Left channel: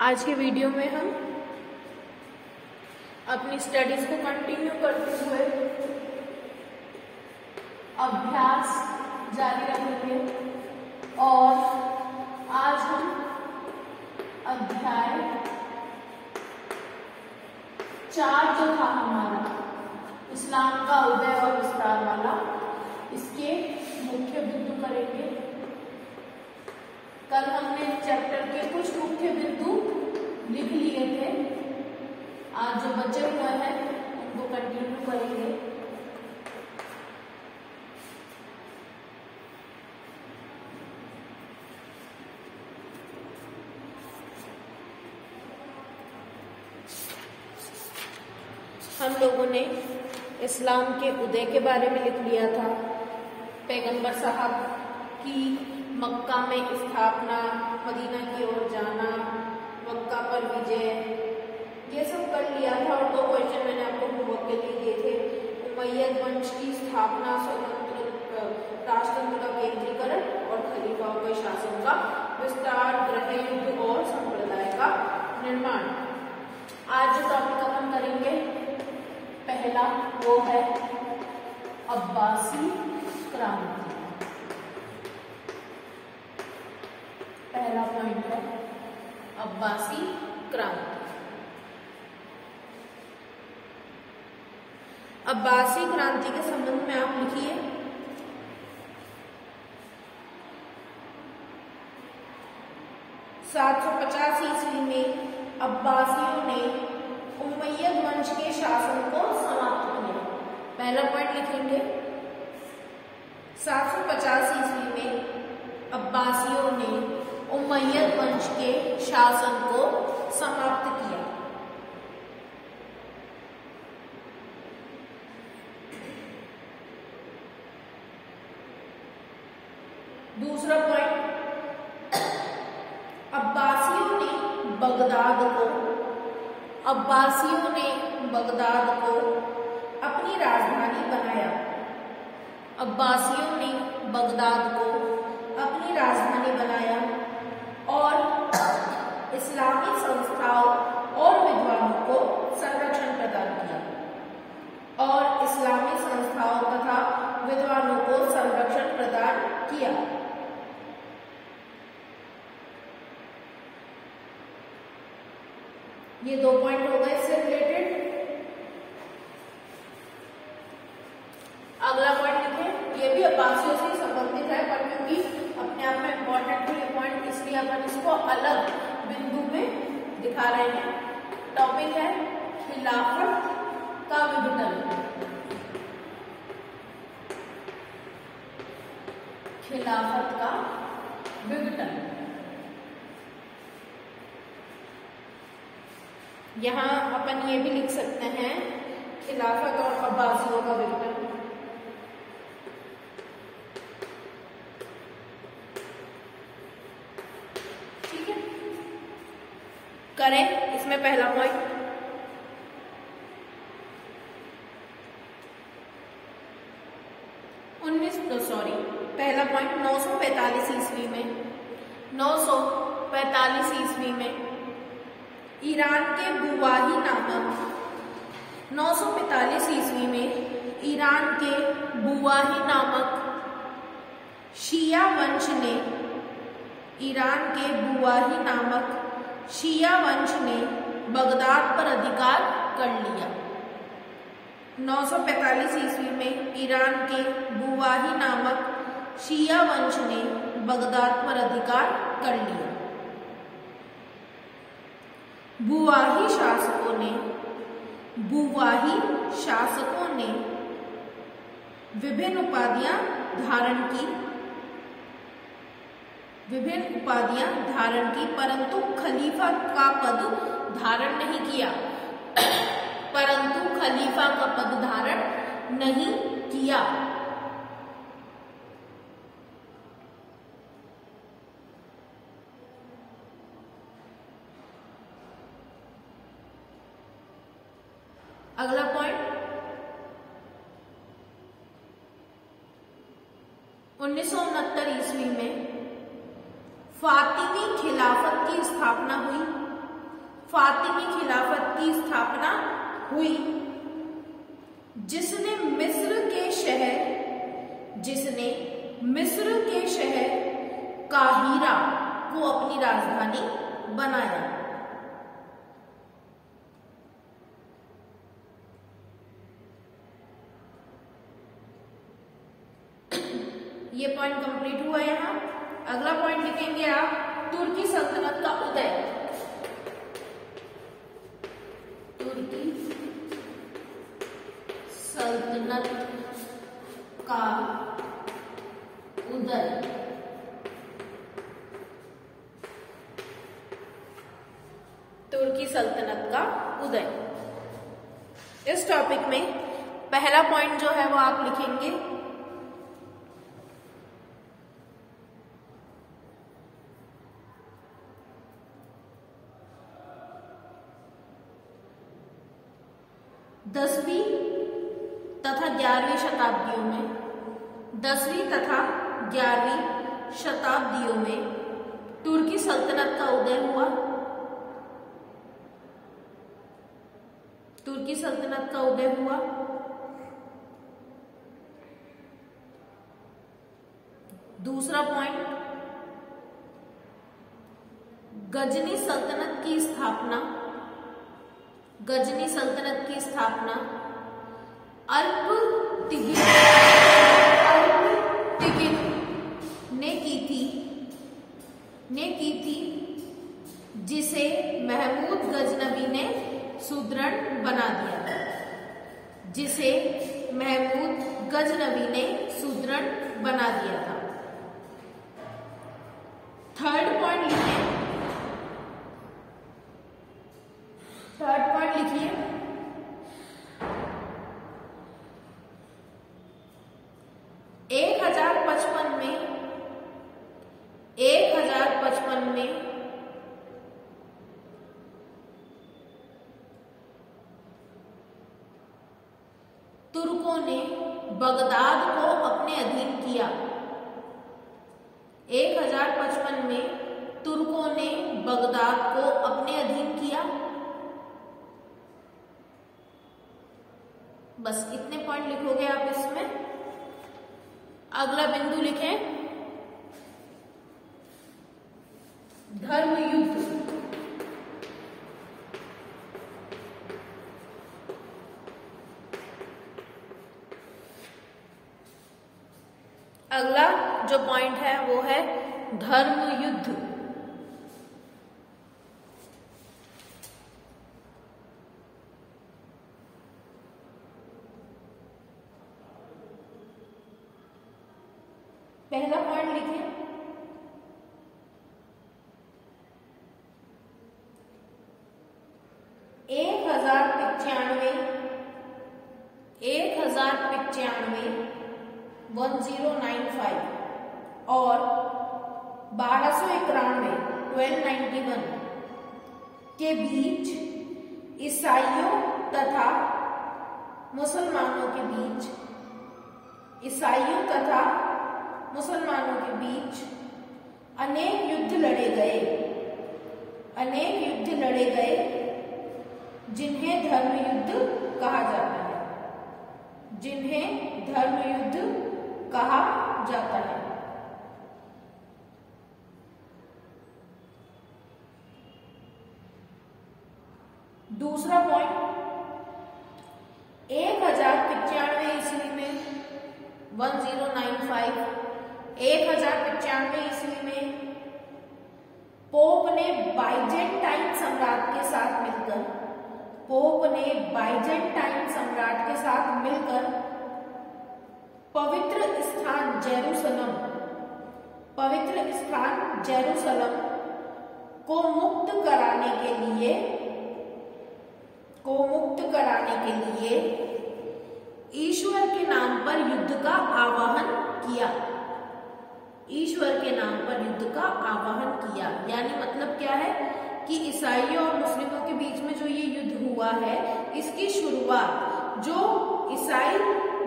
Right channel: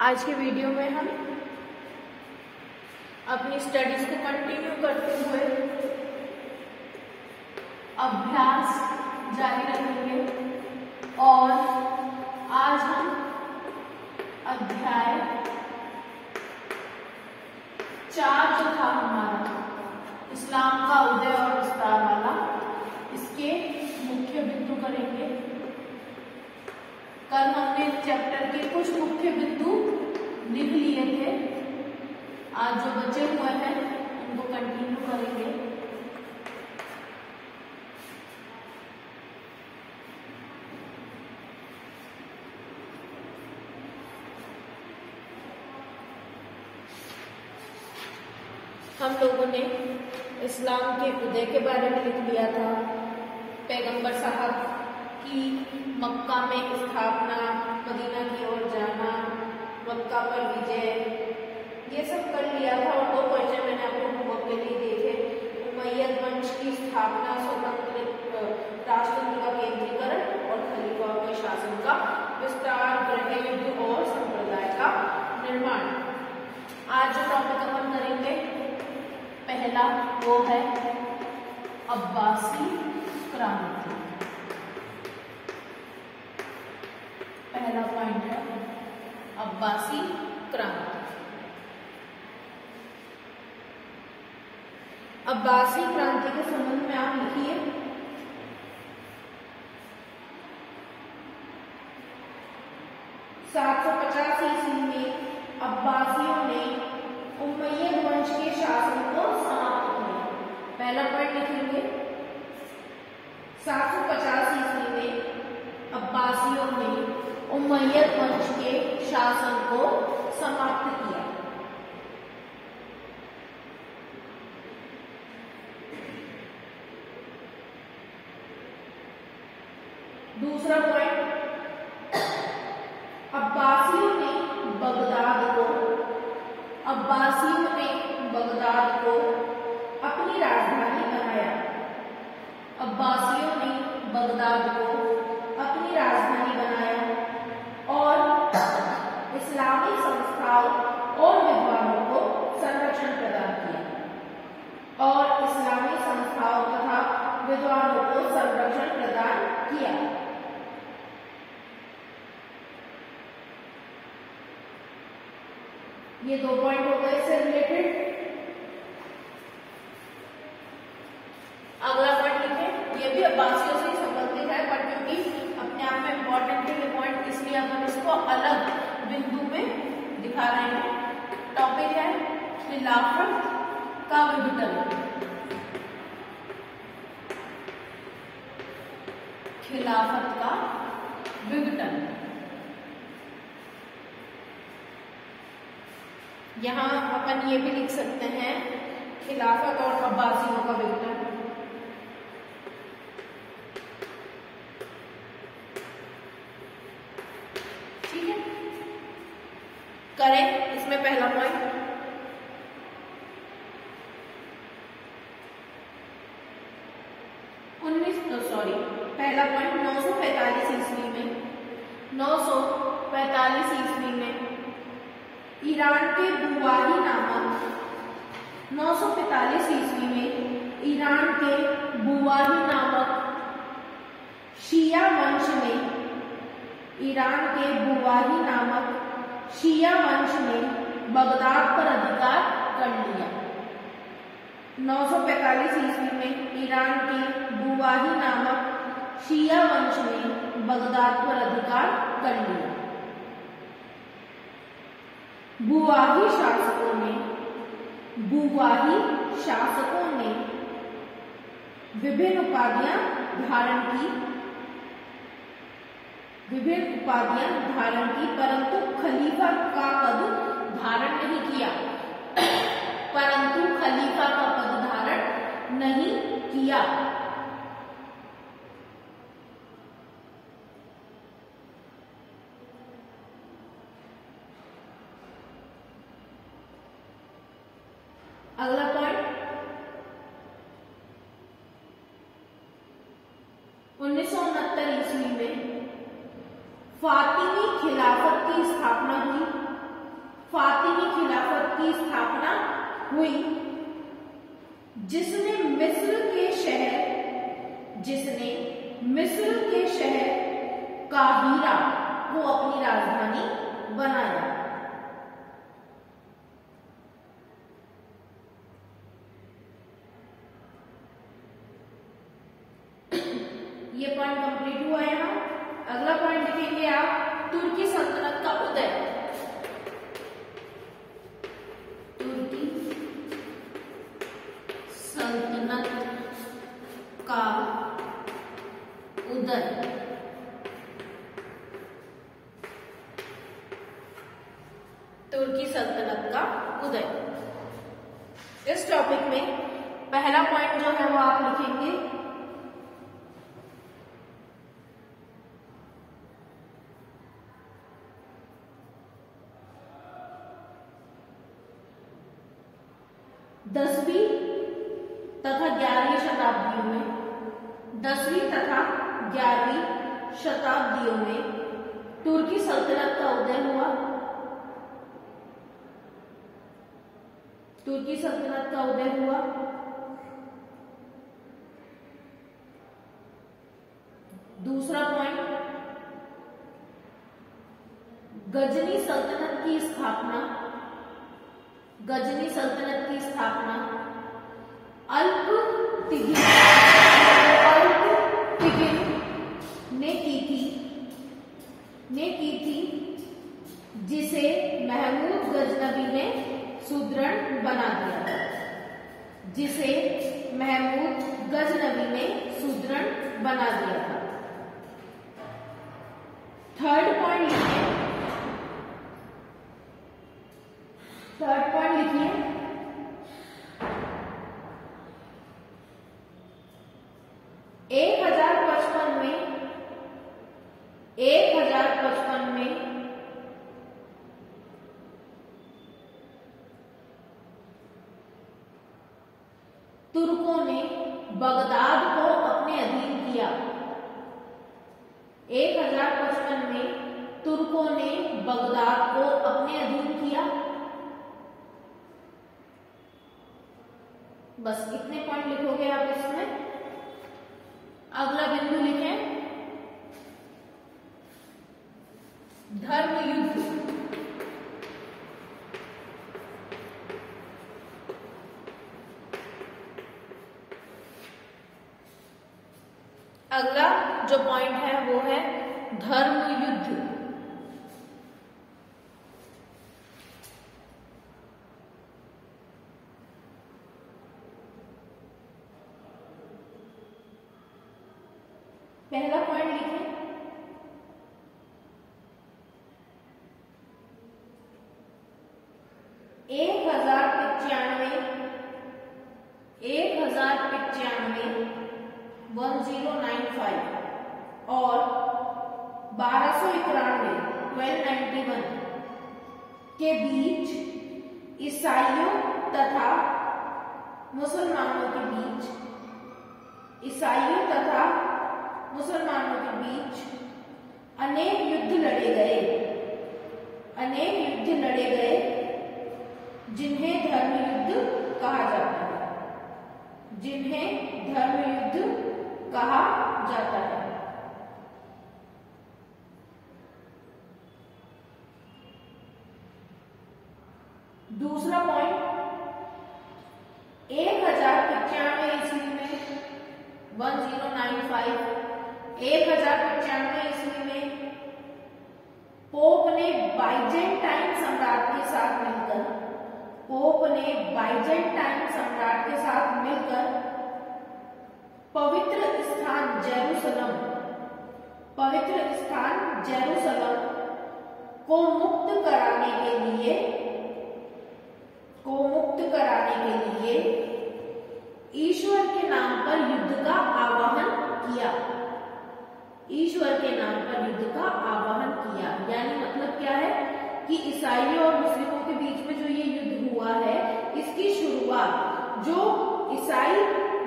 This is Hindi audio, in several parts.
आज के वीडियो में हम अपनी स्टडीज को कंटिन्यू करते हुए अभ्यास जारी रखेंगे और आज हम अध्याय 4 जो था हमारा इस्लाम का उदय और विस्तार वाला, इसके मुख्य बिंदु करेंगे। कल हमने चैप्टर के कुछ मुख्य बिंदु लिख लिए थे, आज जो बचे हुए हैं उनको कंटिन्यू करेंगे। हम लोगों ने इस्लाम के उदय के बारे में लिख लिया था, पैगंबर साहब की मक्का में स्थापना, मदीना की ओर जाना, मक्का पर विजय, ये सब कर लिया था। और 2 क्वेश्चन मैंने आपको होमवर्क के लिए दिए थे, उमय्यद वंश की स्थापना, स्वतंत्र राष्ट्रतंत्र का केंद्रीकरण और खलीफाओं के शासन का विस्तार, गृह युद्ध और संप्रदाय का निर्माण। आज जो टॉपिक हम करेंगे पहला वो है अब्बासी क्रांति। पहला पॉइंट है अब्बासी क्रांति। अब्बासी क्रांति के संबंध में आप लिखिए। ईस्वी में अब्बासियों ने उमय्यद वंश के शासन को समाप्त किया। पहला पॉइंट लिखेंगे 750 ईस्वी में अब्बासियों ने उमय्यद वंश के शासन को समाप्त किया। दूसरा पॉइंट, अब्बासियों ने बगदाद को अपनी राजधानी बनाया। अब्बासियों ने बगदाद को अपनी राजधानी बनाया और इस्लामी संस्थाओं और विद्वानों को संरक्षण प्रदान किया। और इस्लामी संस्थाओं तथा विद्वानों को संरक्षण प्रदान किया। ये 2 पॉइंट हो गए इससे रिलेटेड। अगला पॉइंट लिखें, ये भी अब्बासियों से संबंधित है, पर क्योंकि अपने आप में इंपॉर्टेंट है ये पॉइंट, इसलिए हम इसको अलग बिंदु में दिखा रहे हैं। टॉपिक है खिलाफत का विघटन। खिलाफत का विघटन। यहां अपन ये भी लिख सकते हैं खिलाफत और अब्बासियों का विघटन। ठीक है, करें इसमें पहला पॉइंट। पहला पॉइंट 945 ईस्वी में 945 ईस्वी में ईरान के बुवाही नामक 945 ईस्वी में ईरान के बुवाही नामक शिया वंश ने ईरान के बुवाही नामक शिया वंश ने बगदाद पर अधिकार कर लिया। 945 ईस्वी में ईरान के बुवाही नामक शिया वंश ने बगदाद पर अधिकार कर लिया। बुवाही शासकों ने विभिन्न उपाधियां धारण की, परंतु खलीफा का पद धारण नहीं किया। अगला पॉइंट, 1969 ईस्वी में फातिमी खिलाफत की स्थापना हुई। फातिमी खिलाफत की स्थापना हुई, जिसने मिस्र के शहर काहिरा को अपनी राजधानी बनाया। ये पॉइंट कंप्लीट हुआ यहाँ। अगला पॉइंट लिखेंगे आप, तुर्की सल्तनत का उदय। तुर्की सल्तनत का उदय। तुर्की सल्तनत का उदय। इस टॉपिक में पहला पॉइंट जो है वो आप लिखेंगे दसवीं तथा 11वीं शताब्दियों में, 10वीं तथा 11वीं शताब्दियों में तुर्की सल्तनत का उदय हुआ। तुर्की सल्तनत का उदय हुआ। दूसरा पॉइंट, गजनी सल्तनत की स्थापना। गजनी सल्तनत की स्थापना अल्पटिगिन ने की थी, जिसे महमूद गजनबी ने सुदृढ़ बना दिया। जिसे महमूद गजनबी ने सुदृढ़ बना दिया था। थर्ड पॉइंट लिखिए। थर्ड पॉइंट लिखिए, 1055 में तुर्कों ने बगदाद को अपने अधीन किया। 1055 में तुर्कों ने बगदाद को अपने अधीन किया। बस इतने पॉइंट लिखोगे आप इसमें। अगला बिंदु लिखें, धर्म युद्ध। अगला जो पॉइंट है वो है धर्म युद्ध। पहला पॉइंट लिखें, एक हजार पिचानवे 1095 और 1291 1291 के बीच ईसाइयों तथा मुसलमानों के बीच अनेक युद्ध लड़े गए, जिन्हें धर्म युद्ध कहा जाता है। दूसरा पॉइंट, 1095 ईस्वी में 1095 ईस्वी में पोप ने बाइजेंटाइन सम्राट के साथ मिलकर पवित्र स्थान जेरूसलम को मुक्त कराने के लिए ईश्वर के नाम पर युद्ध का आह्वान किया। यानी मतलब क्या है कि ईसाइयों और मुस्लिमों के बीच में जो ये युद्ध हुआ है, इसकी शुरुआत जो ईसाई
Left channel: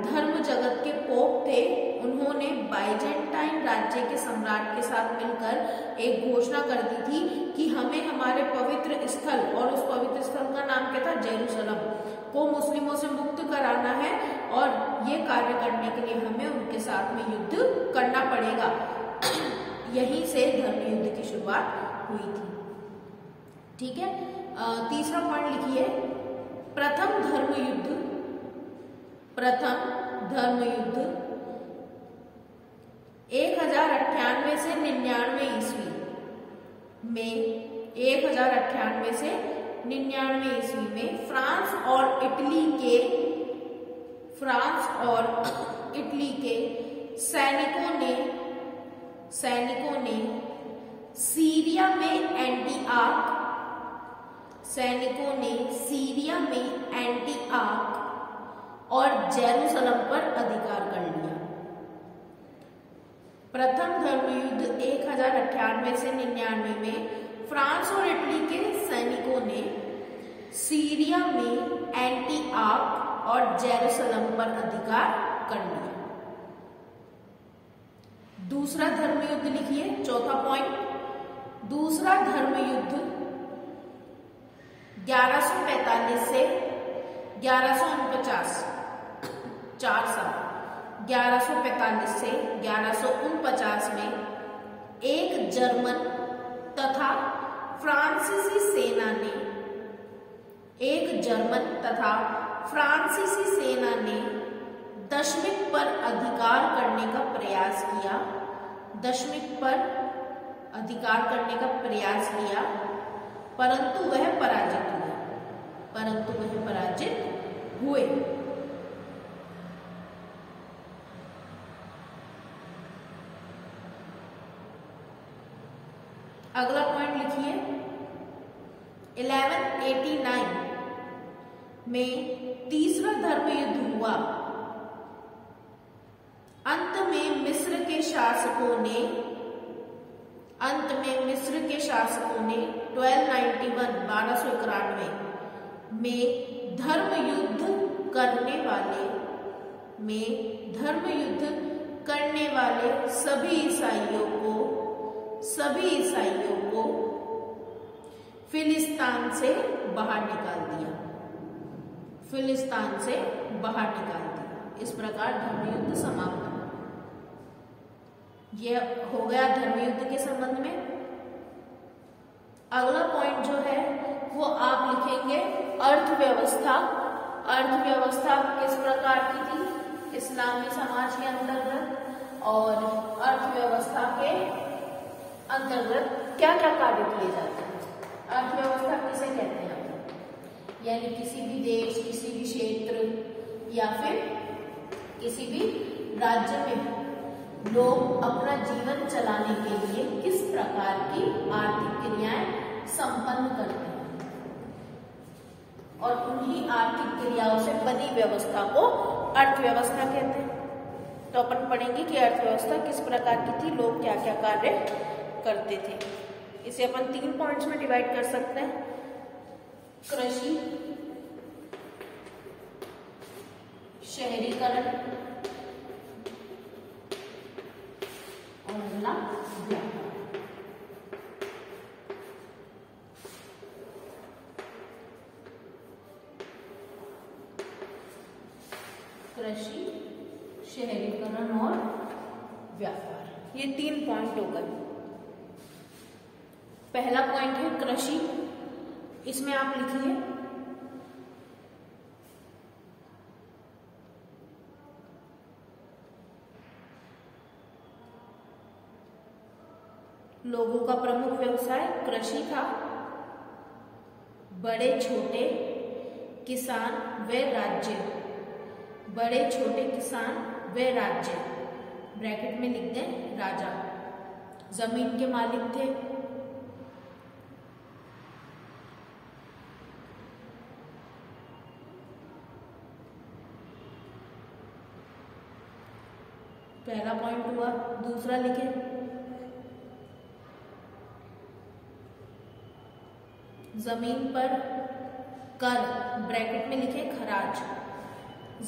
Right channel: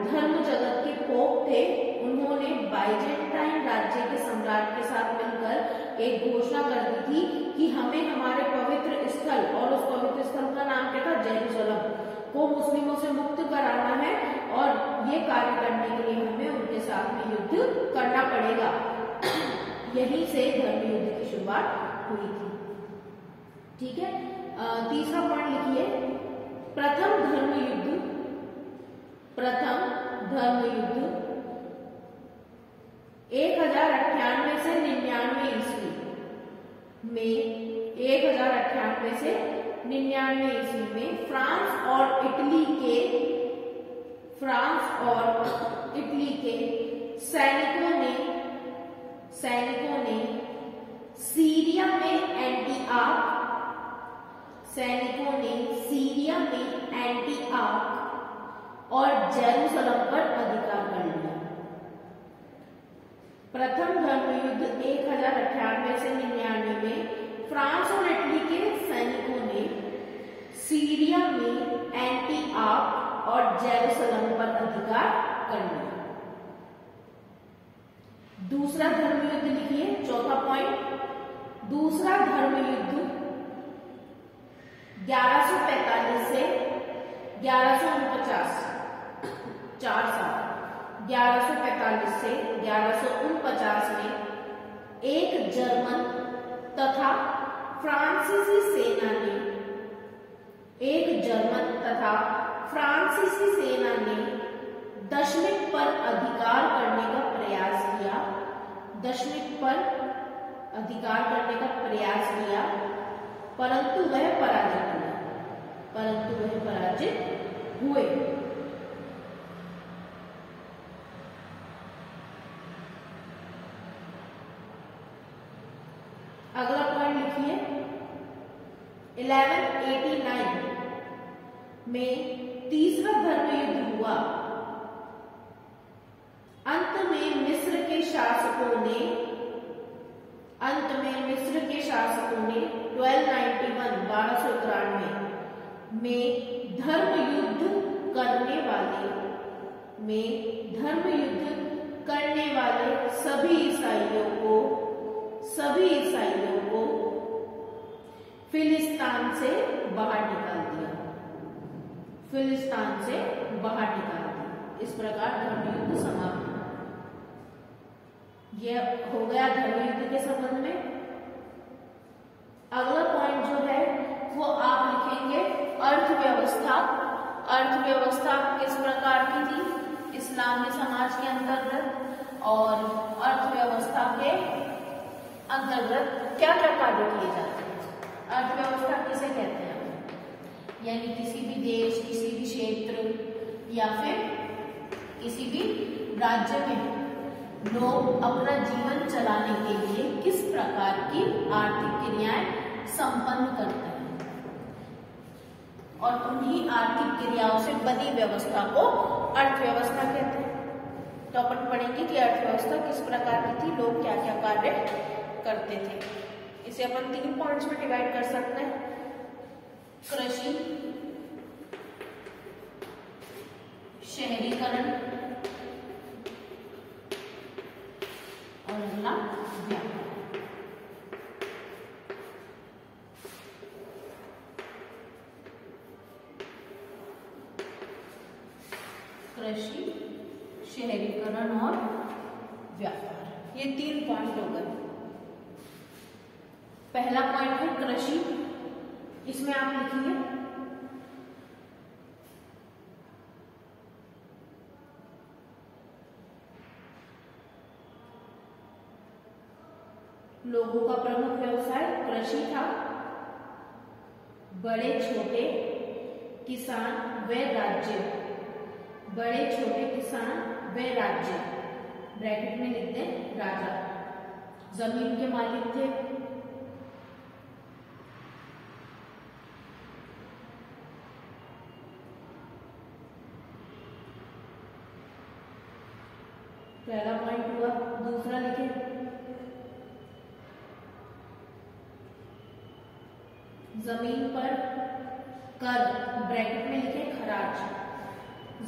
धर्म जगत के पोप थे, उन्होंने बाइजेंटाइन राज्य के सम्राट के साथ मिलकर एक घोषणा कर दी थी कि हमें हमारे पवित्र स्थल, और उस पवित्र स्थल का नाम क्या था, जेरूसलम, को मुस्लिमों से मुक्त कराना है और ये कार्य करने के लिए हमें उनके साथ में युद्ध करना पड़ेगा। यहीं से धर्म युद्ध की शुरुआत हुई थी। ठीक है, तीसरा पॉइंट लिखिए, प्रथम धर्म युद्ध। प्रथम धर्म युद्ध 1098 से 99 ईस्वी में, 1098 से 99 ईस्वी में फ्रांस और इटली के सैनिकों ने सीरिया में एंटिआक और जेरूसलम पर अधिकार कर लिया। प्रथम धर्म युद्ध 1098 से 99 में फ्रांस और इटली के सैनिकों ने सीरिया में एंटिआक और जेरूसलम पर अधिकार कर लिया। दूसरा धर्म युद्ध लिखिए, चौथा पॉइंट। दूसरा धर्म युद्ध 1145 से 1149, 4 साल, 1145 से 1149 में एक जर्मन तथा फ्रांसीसी सेना ने दशमिक पर अधिकार करने का प्रयास किया, परंतु वह पराजित हुए। अगला पॉइंट लिखिए, 1189 में तीसरा धर्म युद्ध हुआ। अंत में मिस्र के शासकों ने 1291 में धर्म युद्ध करने वाले सभी ईसाइयों को फिलिस्तीन से बाहर निकाल दिया। इस प्रकार धर्म युद्ध समाप्त हुआ। यह हो गया धर्म युद्ध के संबंध में। अगला पॉइंट जो है वो आप लिखेंगे अर्थव्यवस्था। अर्थव्यवस्था किस प्रकार की थी इस्लामी समाज के अंतर्गत, और अर्थव्यवस्था के अंतर्गत क्या क्या कार्य किए जाते हैं। अर्थव्यवस्था किसे कहते हैं, यानी किसी भी देश, किसी भी क्षेत्र या फिर किसी भी राज्य में लोग अपना जीवन चलाने के लिए किस प्रकार की आर्थिक क्रियाएं संपन्न करते हैं, और उन्हीं आर्थिक क्रियाओं से बनी व्यवस्था को अर्थव्यवस्था कहते हैं। तो अपन पढ़ेंगे कि अर्थव्यवस्था किस प्रकार की थी, लोग क्या क्या कार्य करते थे। इसे अपन 3 पॉइंट्स में डिवाइड कर सकते हैं, कृषि, शहरीकरण और अगला व्यापार। कृषि, शहरीकरण और व्यापार, ये 3 पॉइंट हो गए। पहला पॉइंट है कृषि। इसमें आप लिखिए लोगों का प्रमुख व्यवसाय कृषि था। बड़े छोटे किसान व राज्य, ब्रैकेट में लिख दें राजा, जमीन के मालिक थे। पहला पॉइंट हुआ। दूसरा लिखे जमीन पर कर, ब्रैकेट में लिखे खराज,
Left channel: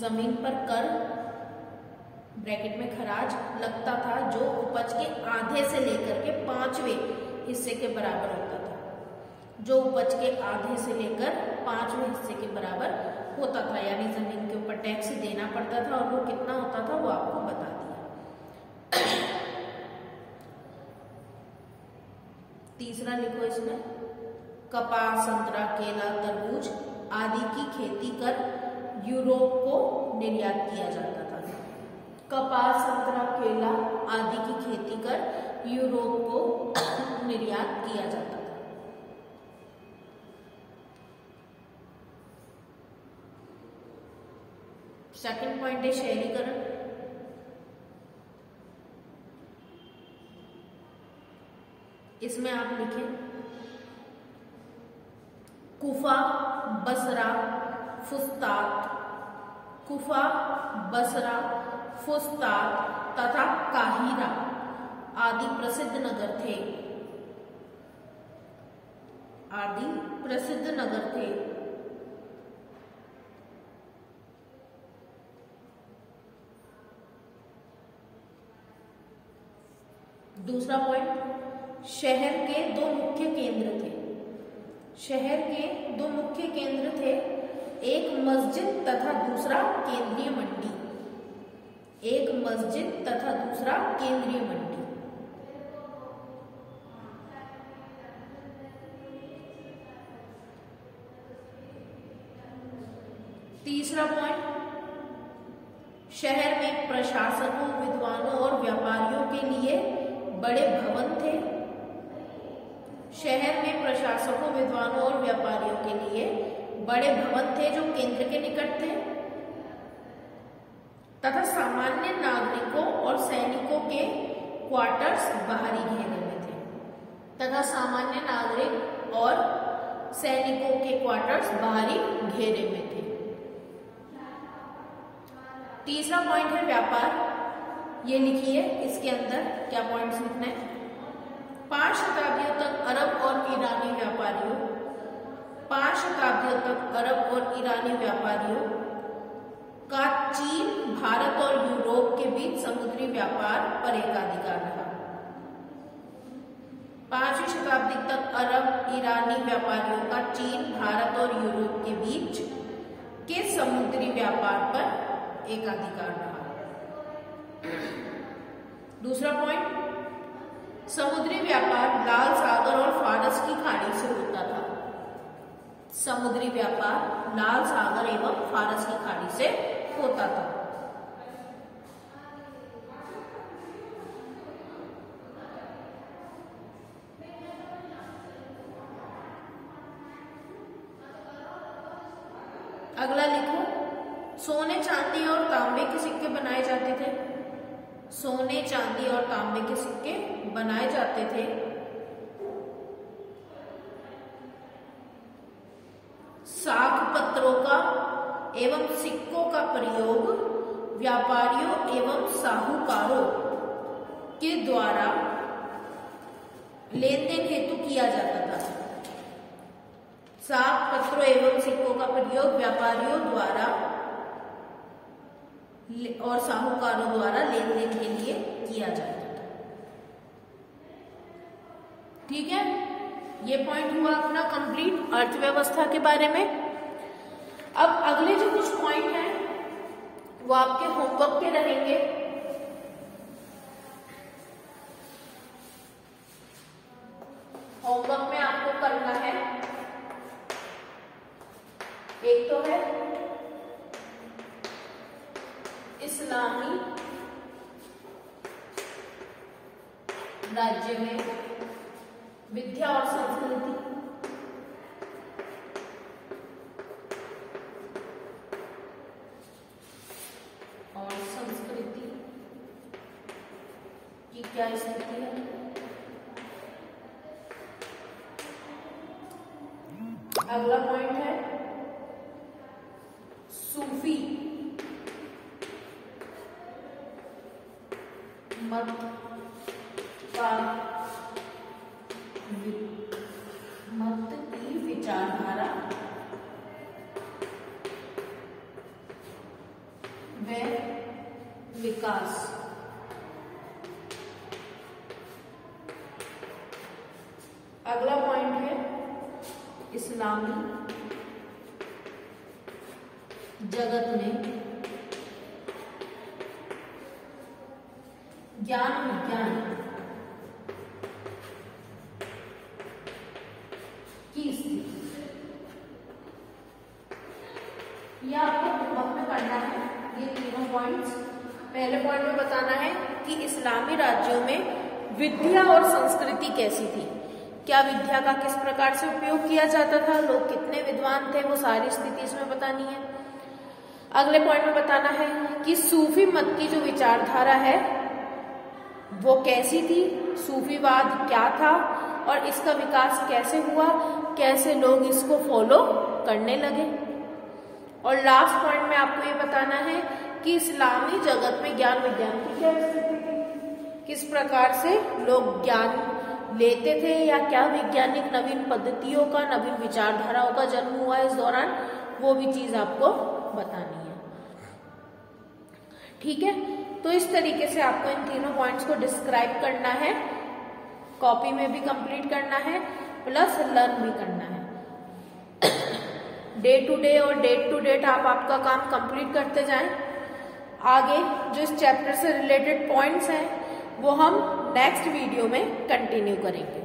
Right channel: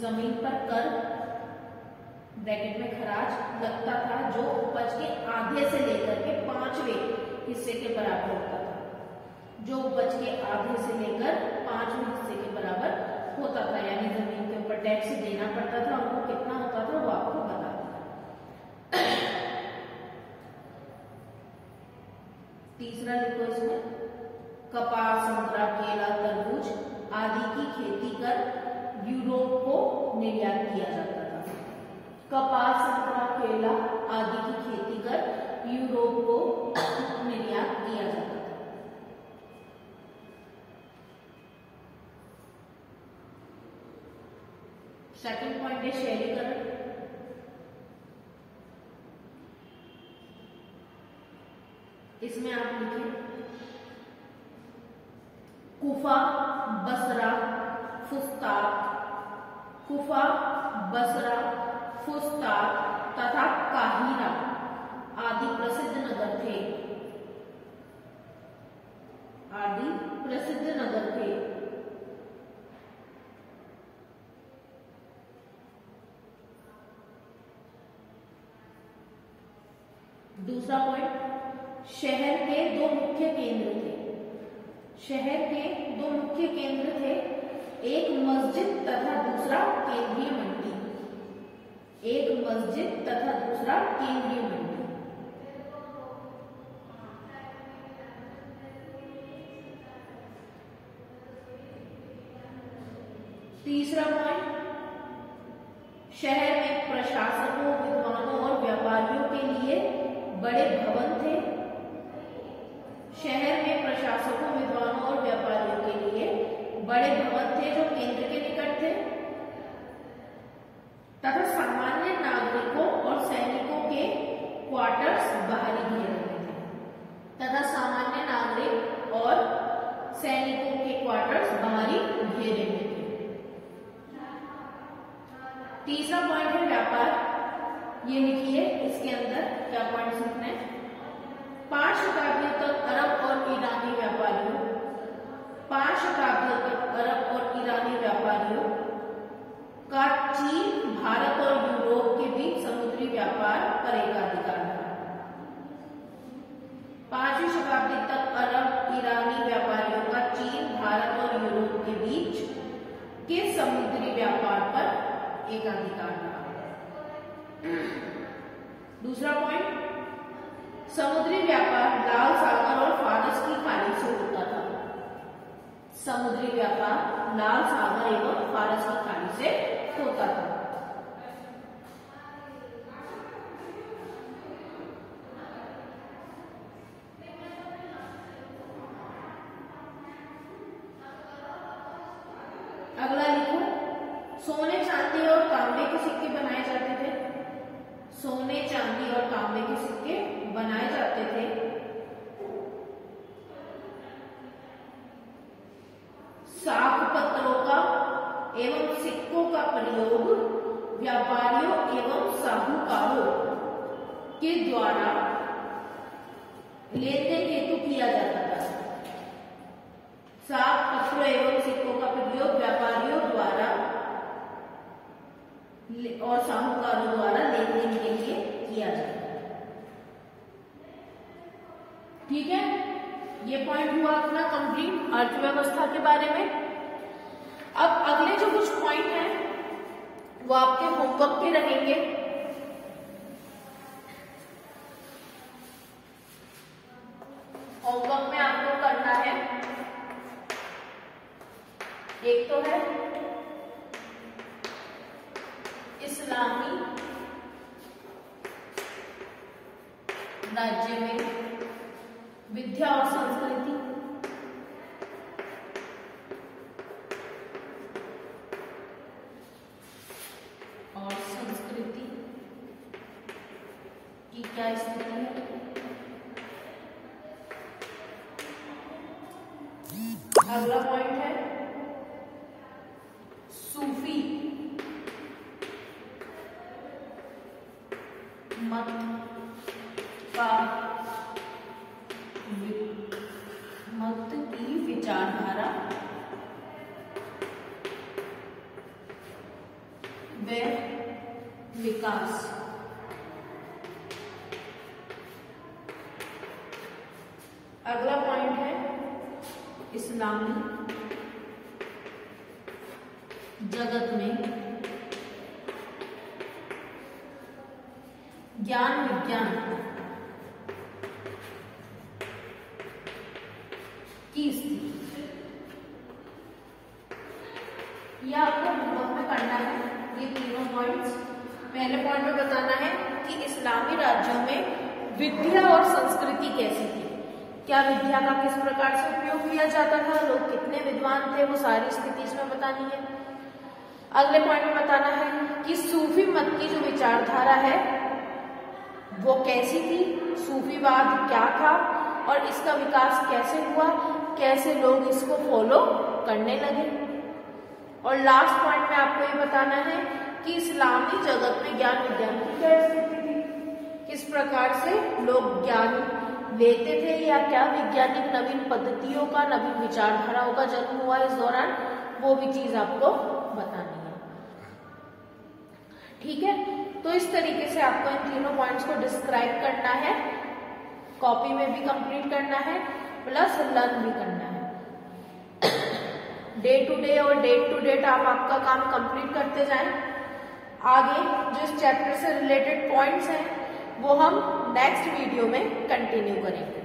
जमीन पर कर ब्रैकेट में खराज लगता था जो उपज के आधे से लेकर के 5वें हिस्से के बराबर होता था। जो उपज के आधे से लेकर 5वें हिस्से के बराबर होता था, यानी जमीन के ऊपर टैक्स देना पड़ता था और वो कितना होता था वो आपको बता दिया। तीसरा लिखो इसमें, कपास, संतरा, केला, तरबूज आदि की खेती कर यूरोप को निर्यात किया जाता था। कपास, संतरा, केला आदि की खेती कर यूरोप को निर्यात किया जाता था। सेकंड पॉइंट है शहरीकरण। इसमें आप लिखें कुफा, बसरा, फुस्तात, कुफा, बसरा, फुस्तात तथा काहिरा आदि प्रसिद्ध नगर थे। आदि प्रसिद्ध नगर थे। दूसरा पॉइंट, शहर के दो मुख्य केंद्र थे। शहर के दो मुख्य केंद्र थे, एक मस्जिद तथा दूसरा केंद्रीय मंडी। एक मस्जिद तथा दूसरा केंद्रीय मंडी। तीसरा पॉइंट, शहर में प्रशासकों, विद्वानों और व्यापारियों के लिए बड़े भवन थे। शहर में प्रशासकों, विद्वानों और व्यापारियों के लिए बड़े भवन थे जो केंद्र के निकट थे तथा सामान्य नागरिकों और सैनिकों के क्वार्टर्स बाहरी घेरे में थे। तथा सामान्य नागरिक और सैनिकों के क्वार्टर्स बाहरी घेरे में थे। तीसरा पॉइंट है व्यापार। ये लिखिए, इसके अंदर क्या पॉइंट्स लिखना है। 5 शताब्दियों तक अरब और ईरानी व्यापारियों 5 शताब्दियों तक अरब और ईरानी व्यापारियों का चीन, भारत और यूरोप के बीच समुद्री व्यापार पर एकाधिकार रहा। 5वीं शताब्दी तक अरब ईरानी व्यापारियों का चीन, भारत और यूरोप के बीच के समुद्री व्यापार पर एकाधिकार रहा। दूसरा पॉइंट, समुद्री व्यापार लाल सागर और फारस की खाड़ी से होता था। समुद्री व्यापार लाल सागर एवं फारस की खाड़ी से होता था। अगला लिखो, सोने, चांदी और तांबे के सिक्के बनाए जाते थे। सोने, चांदी और तांबे के सिक्के बनाए जाते थे। साख पत्रों का एवं सिक्कों का प्रयोग व्यापारियों एवं साहूकारों के द्वारा लेन देन हेतु किया जाता था। साख पत्रों एवं सिक्कों का प्रयोग व्यापारियों द्वारा और साहूकारों द्वारा लेन देन के लिए किया जाता था। ठीक है, ये पॉइंट हुआ अपना कंप्लीट अर्थव्यवस्था के बारे में। अब अगले जो कुछ पॉइंट हैं वो आपके होमवर्क के रहेंगे। होमवर्क में आपको करना है, एक तो है इस्लामी राज्य में विद्या और संस्कृति, और संस्कृति की क्या स्थिति है। अगला पॉइंट है सूफी मत की विचारधारा व विकास। अगला पॉइंट है इस्लामी जगत में ज्ञान विज्ञान की स्थिति। यह आपको ब्लॉक में करना है ये तीनों पॉइंट्स। पहले पॉइंट में बताना है कि इस्लामी राज्यों में विद्या और संस्कृति कैसी थी, क्या विद्या का किस प्रकार से उपयोग किया जाता था, लोग कितने विद्वान थे, वो सारी स्थिति इसमें बतानी है। अगले पॉइंट में बताना है कि सूफी मत की जो विचारधारा है वो कैसी थी, सूफीवाद क्या था और इसका विकास कैसे हुआ, कैसे लोग इसको फॉलो करने लगे। और लास्ट पॉइंट में आपको ये बताना है कि इस्लामी जगत में ज्ञान विज्ञान की क्या स्थिति थी, किस प्रकार से लोग ज्ञान लेते थे या क्या वैज्ञानिक नवीन पद्धतियों का, नवीन विचारधाराओं का जन्म हुआ इस दौरान, वो भी चीज आपको बतानी है। ठीक है, तो इस तरीके से आपको इन तीनों पॉइंट्स को डिस्क्राइब करना है, कॉपी में भी कंप्लीट करना है प्लस लर्न भी करना है। डे टू डे और डेट टू डेट आप आपका काम कंप्लीट करते जाएं। आगे जो इस चैप्टर से रिलेटेड पॉइंट्स हैं वो हम नेक्स्ट वीडियो में कंटिन्यू करेंगे।